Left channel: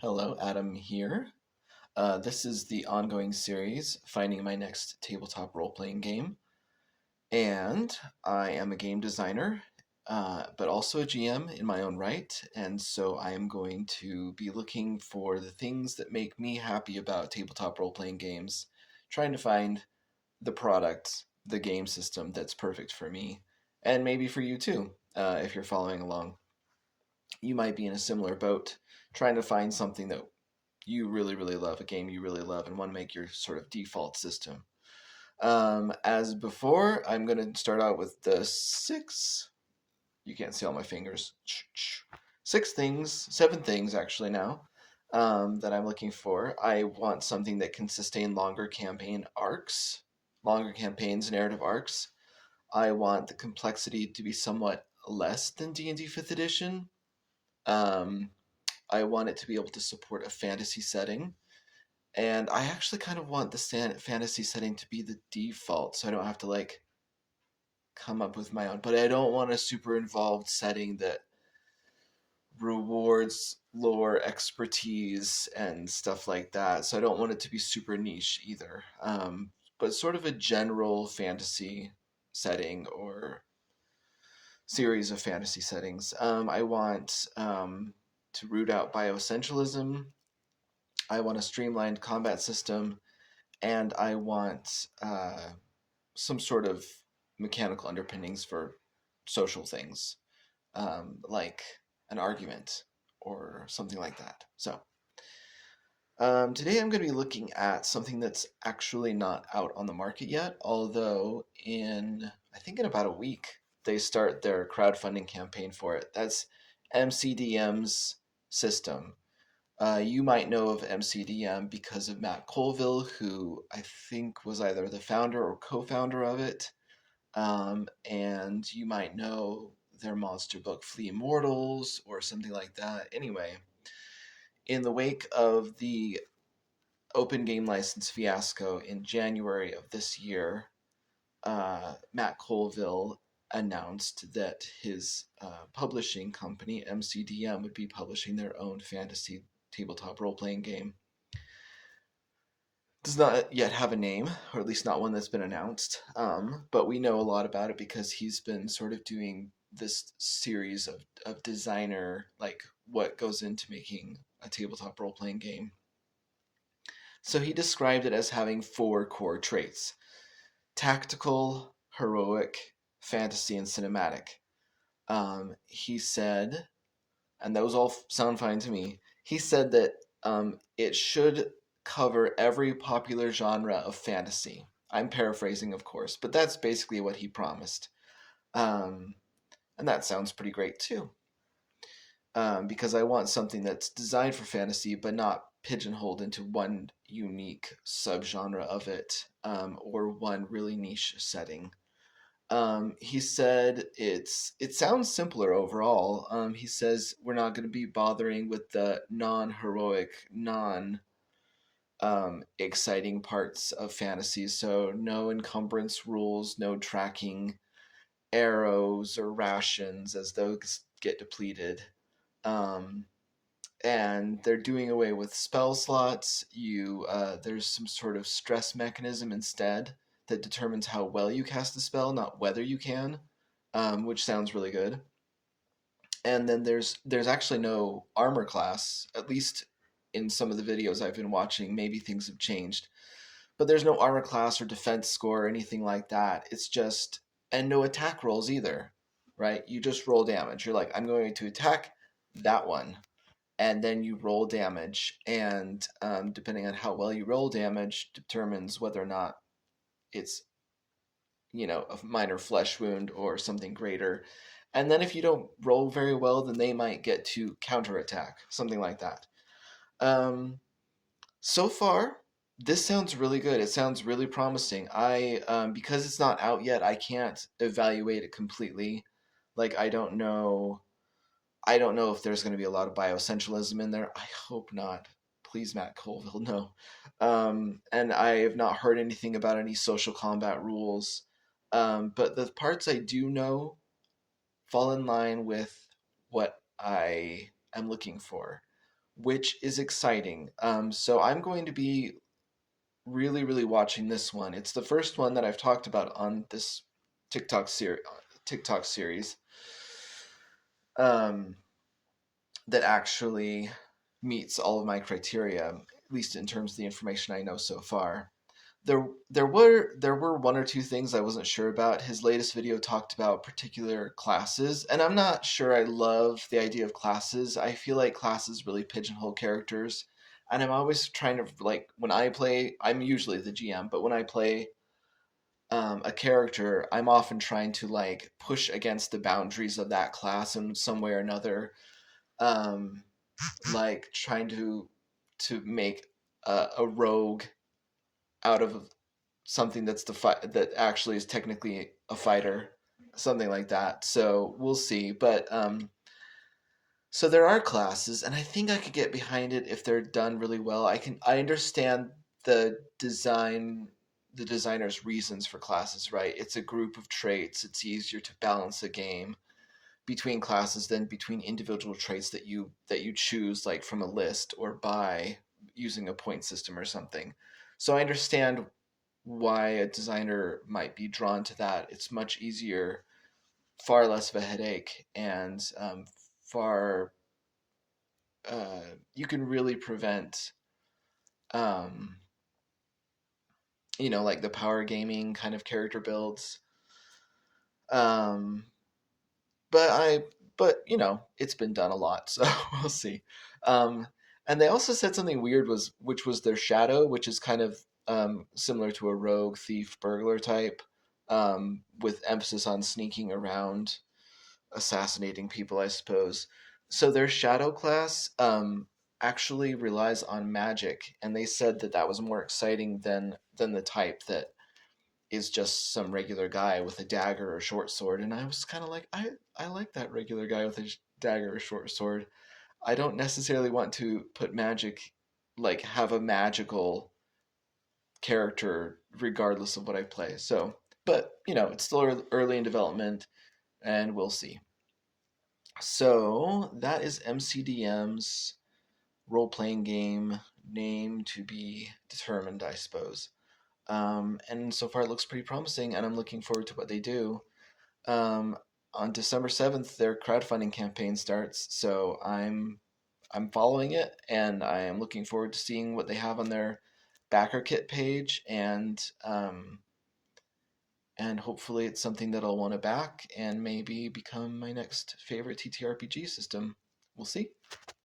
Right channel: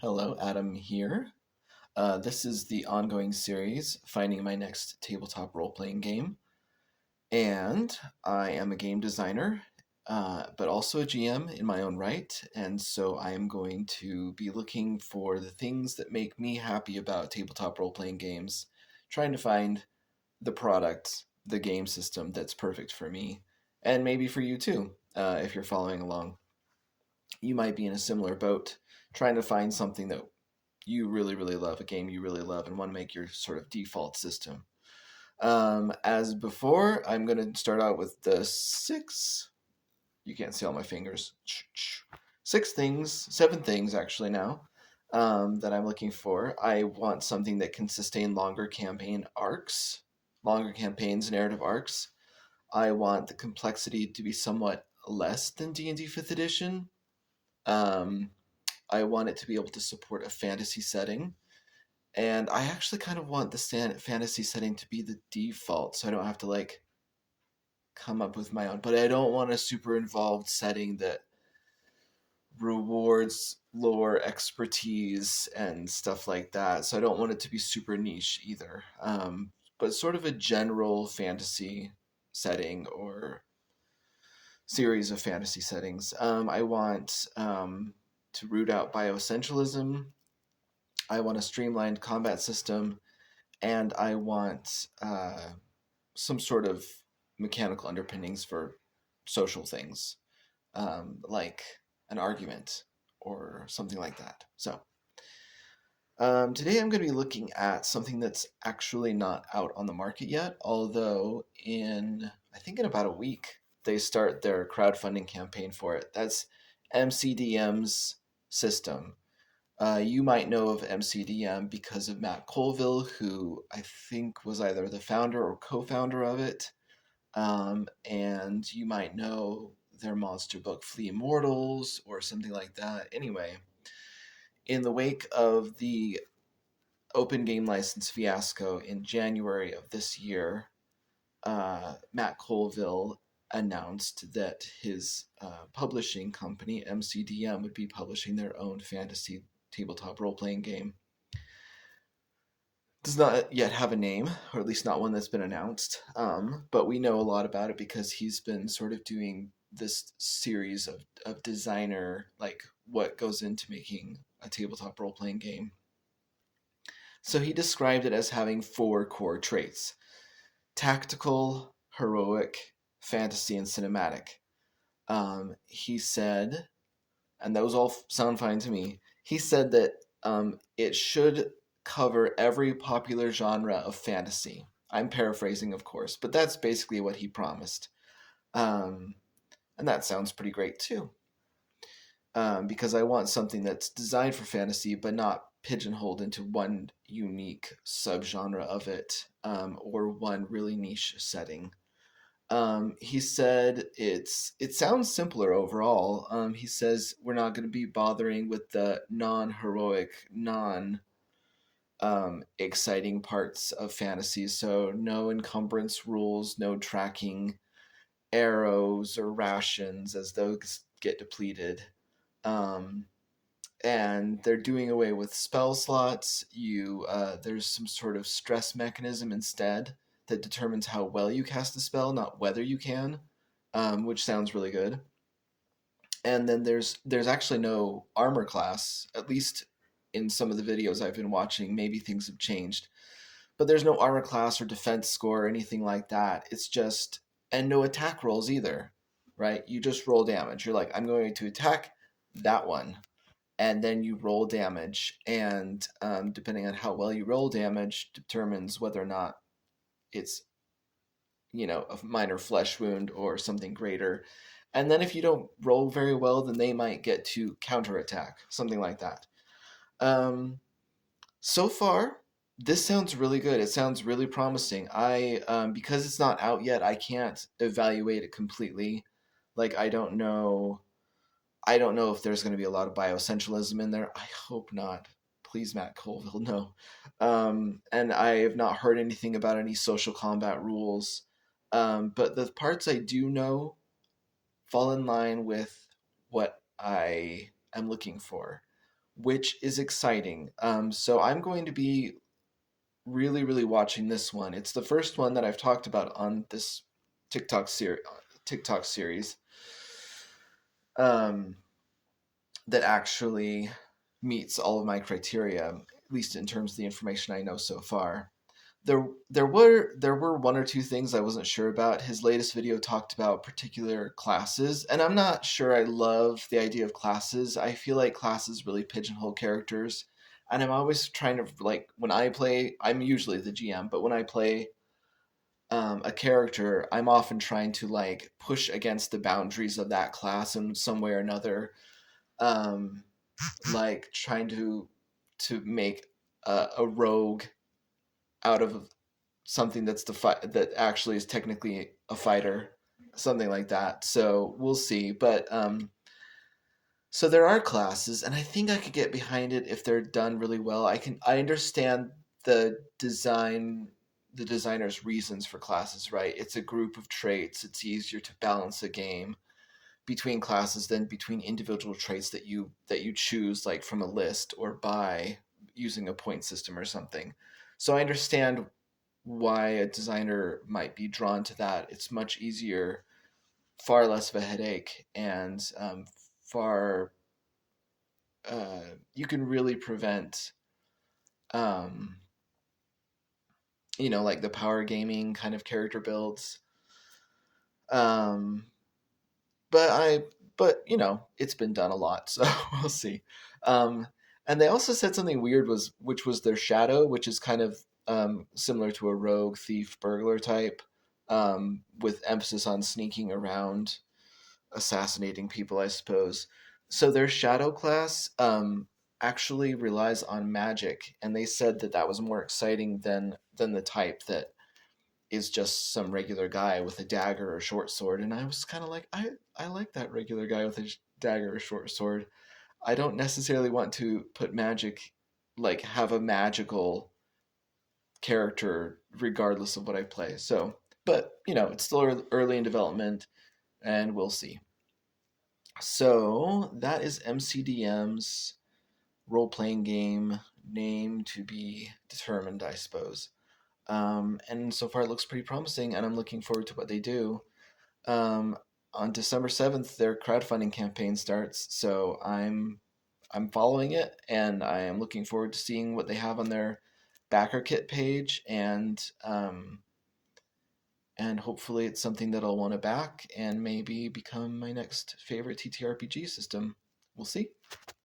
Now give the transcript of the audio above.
Hello, Adam here. This is the ongoing series, Finding My Next Tabletop Role Playing Game. And I am a game designer, but also a GM in my own right. And so I am going to be looking for the things that make me happy about tabletop role playing games, trying to find the product, the game system that's perfect for me, and maybe for you too, if you're following along. You might be in a similar boat, trying to find something that you really, really love, a game you really love, and want to make your sort of default system. As before, I'm going to start out with the six. You can't see all my fingers. 7 things actually now that I'm looking for. I want something that can sustain longer campaign arcs, longer campaigns, narrative arcs. I want the complexity to be somewhat less than D&D 5th edition. Um, I want it to be able to support a fantasy setting. And I actually kind of want the fantasy setting to be the default, so I don't have to come up with my own. But I don't want a super involved setting that rewards lore expertise and stuff like that. So I don't want it to be super niche either. But sort of a general fantasy setting or series of fantasy settings. I want to root out bioessentialism. I want a streamlined combat system, and I want some sort of mechanical underpinnings for social things, like an argument or something like that. So today I'm going to be looking at something that's actually not out on the market yet, although I think in about a week, they start their crowdfunding campaign for it. That's MCDM's system. You might know of MCDM because of Matt Colville, who I think was either the founder or co-founder of it. And you might know their monster book, Flea Immortals, or something like that. Anyway, in the wake of the open game license fiasco in January of this year, Matt Colville announced that his publishing company, MCDM, would be publishing their own fantasy tabletop role-playing game. Does not yet have a name, or at least not one that's been announced, but we know a lot about it because he's been sort of doing this series of designer, like what goes into making a tabletop role-playing game. So he described it as having 4 core traits: tactical, heroic, fantasy, and cinematic. He said, and those all sound fine to me, he said that it should cover every popular genre of fantasy. I'm paraphrasing, of course, but that's basically what he promised. And that sounds pretty great too. Because I want something that's designed for fantasy, but not pigeonholed into one unique subgenre of it, or one really niche setting. He said it sounds simpler overall. He says we're not going to be bothering with the non-heroic, exciting parts of fantasy. So no encumbrance rules, no tracking arrows or rations as those get depleted. And they're doing away with spell slots. There's some sort of stress mechanism instead that determines how well you cast a spell, not whether you can, which sounds really good. And then there's actually no armor class, at least in some of the videos I've been watching. Maybe things have changed, but there's no armor class or defense score or anything like that. It's just, and no attack rolls either, right? You just roll damage. You're like, I'm going to attack that one, and then you roll damage, and depending on how well you roll damage determines whether or not it's, a minor flesh wound or something greater. And then if you don't roll very well, then they might get to counterattack, something like that. So far, this sounds really good. It sounds really promising. Because it's not out yet, I can't evaluate it completely. Like, I don't know if there's going to be a lot of bioessentialism in there. I hope not. Please, Matt Colville, no. And I have not heard anything about any social combat rules. But the parts I do know fall in line with what I am looking for, which is exciting. So I'm going to be really, really watching this one. It's the first one that I've talked about on this TikTok series. TikTok series um, that actually meets all of my criteria, at least in terms of the information I know so far. There were one or two things I wasn't sure about. His latest video talked about particular classes, and I'm not sure I love the idea of classes. I feel like classes really pigeonhole characters, and I'm always trying to like when I play. I'm usually the GM, but when I play a character, I'm often trying to like push against the boundaries of that class in some way or another. Um, like trying to make a rogue out of something that's that actually is technically a fighter, something like that. So we'll see. But so there are classes, and I think I could get behind it if they're done really well. I understand the the designer's reasons for classes, right? It's a group of traits. It's easier to balance a game between classes than between individual traits that you choose like from a list or by using a point system or something. So I understand why a designer might be drawn to that. It's much easier, far less of a headache, and far you can really prevent, um, like the power gaming kind of character builds. Um, but it's been done a lot, so we'll see. Um, and they also said something weird which was their shadow, which is kind of similar to a rogue, thief, burglar type, with emphasis on sneaking around, assassinating people, I suppose. So their shadow class actually relies on magic, and they said that that was more exciting than the type that is just some regular guy with a dagger or short sword. And I was kind of like, I like that regular guy with a dagger or short sword. I don't necessarily want to put magic, like have a magical character regardless of what I play. So, but it's still early in development, and we'll see. So that is MCDM's role playing game, name to be determined, I suppose. And so far it looks pretty promising, and I'm looking forward to what they do. Um, on December 7th, their crowdfunding campaign starts, so I'm following it, and I am looking forward to seeing what they have on their backer kit page, and hopefully it's something that I'll want to back and maybe become my next favorite TTRPG system. We'll see.